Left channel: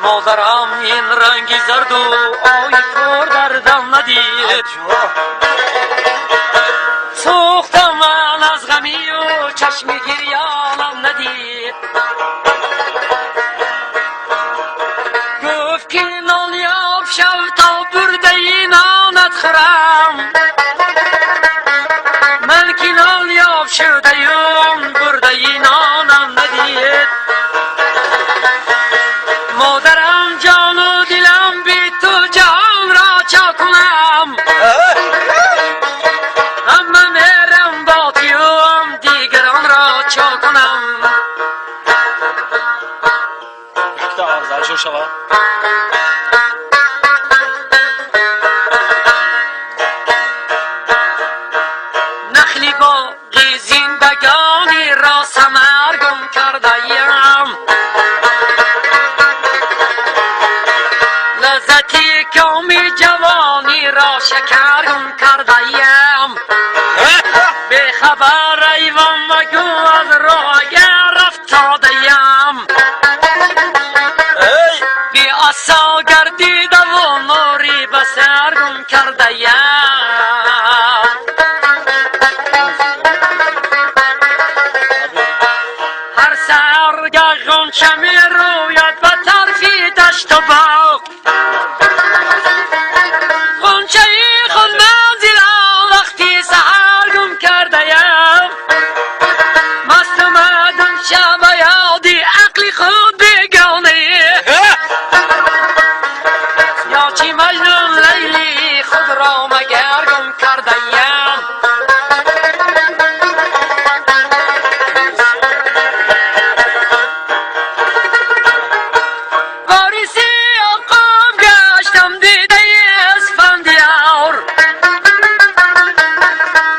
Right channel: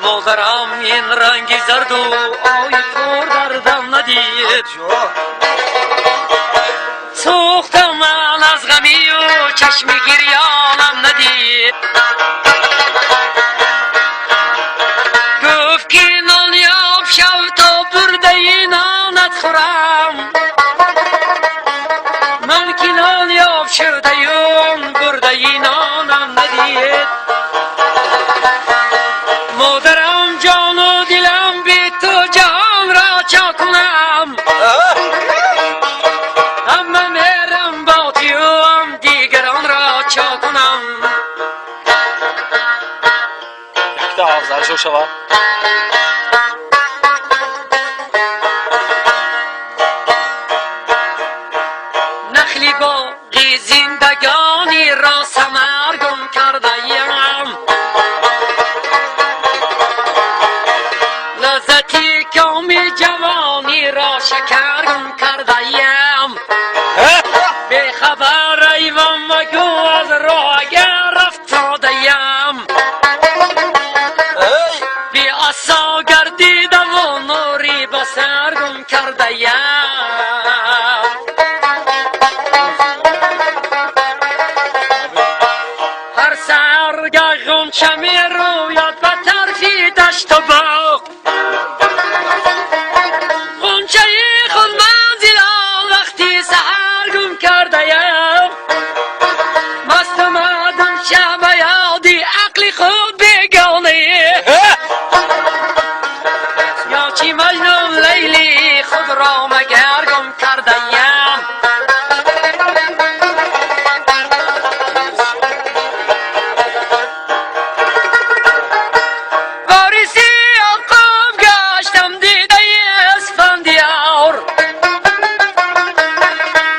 مادرم این رنگ زرد و آی پر دردم ندید، سوختم من از غمی و چشم گریانم ندید. گفت که نان یاب شو تا برده نانت خورم، من که نان یاب شدیم برده نانم ندید. مادرم جان و دلم بی تو جهان را چا کنم، اما میرم با تیم دیگران را چا کنم. یک تا افزایشو شما نخلی باقی زندگانی را سمرگم کردیم، لذتی کامی جوانی را شکرگم کردیم. به خبر ایوان مگو از راه اگر افتادیم، بی اصا گردیده و نوری به سرگم کردیم. هر سرگه غنچه می روید به طرفی دشت و باغ، غنچه خود منزلم وقتی سحر گم کردیم. مست مدن شب یادی عقل خود بیگانه، یا چی مجنون لیلی خود را مگر گم کردیم. وارثی آقام گشتم دیده اسفندیار،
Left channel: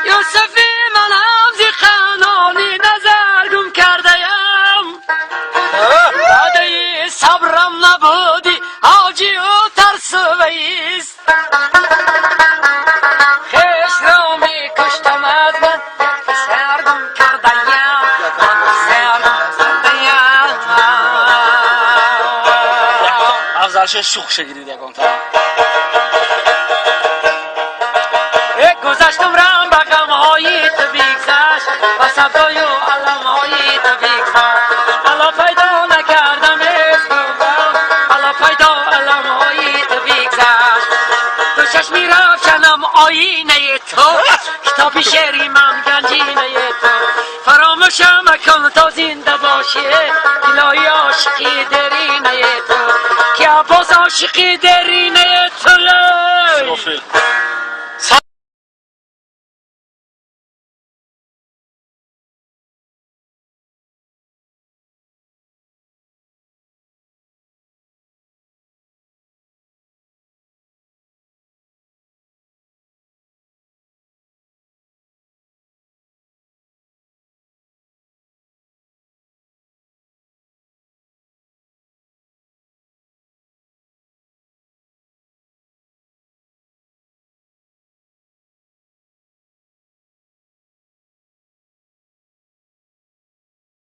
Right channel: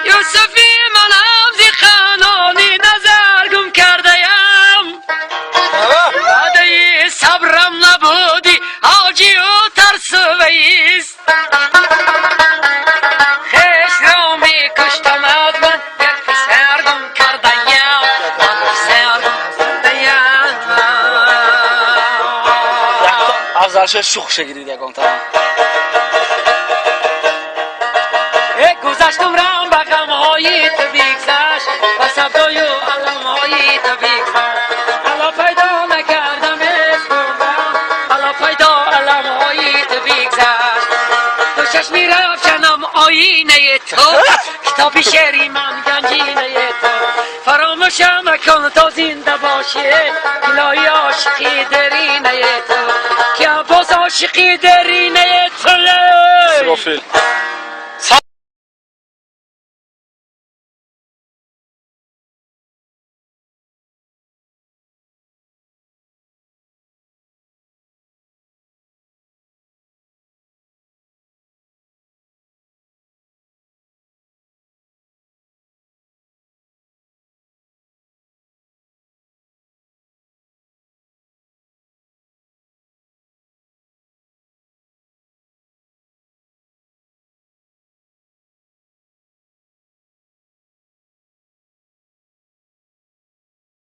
یوسفی من حفظی خانانی نظر گم کردیم. بعد صبرم نبودی حاجی و ترس و ویست، خیش را می کشتم از من یک پسر گم کردیم. افزایش شوخ شگیرید یکم تا گذشتم رم به غمهای تو بگذشت، و صبرای و علمهای تو بگذشت. حالا پیدا نکردم اسمم، حالا پیدا علمهای تو بگذشت. تو چشمی روشنم آینه تو، کتاب شعری من گنجینه تو. فراموشم مکن تا زنده باشی الهی عاشقی درینه تو، که عباس عاشقی درینه تو.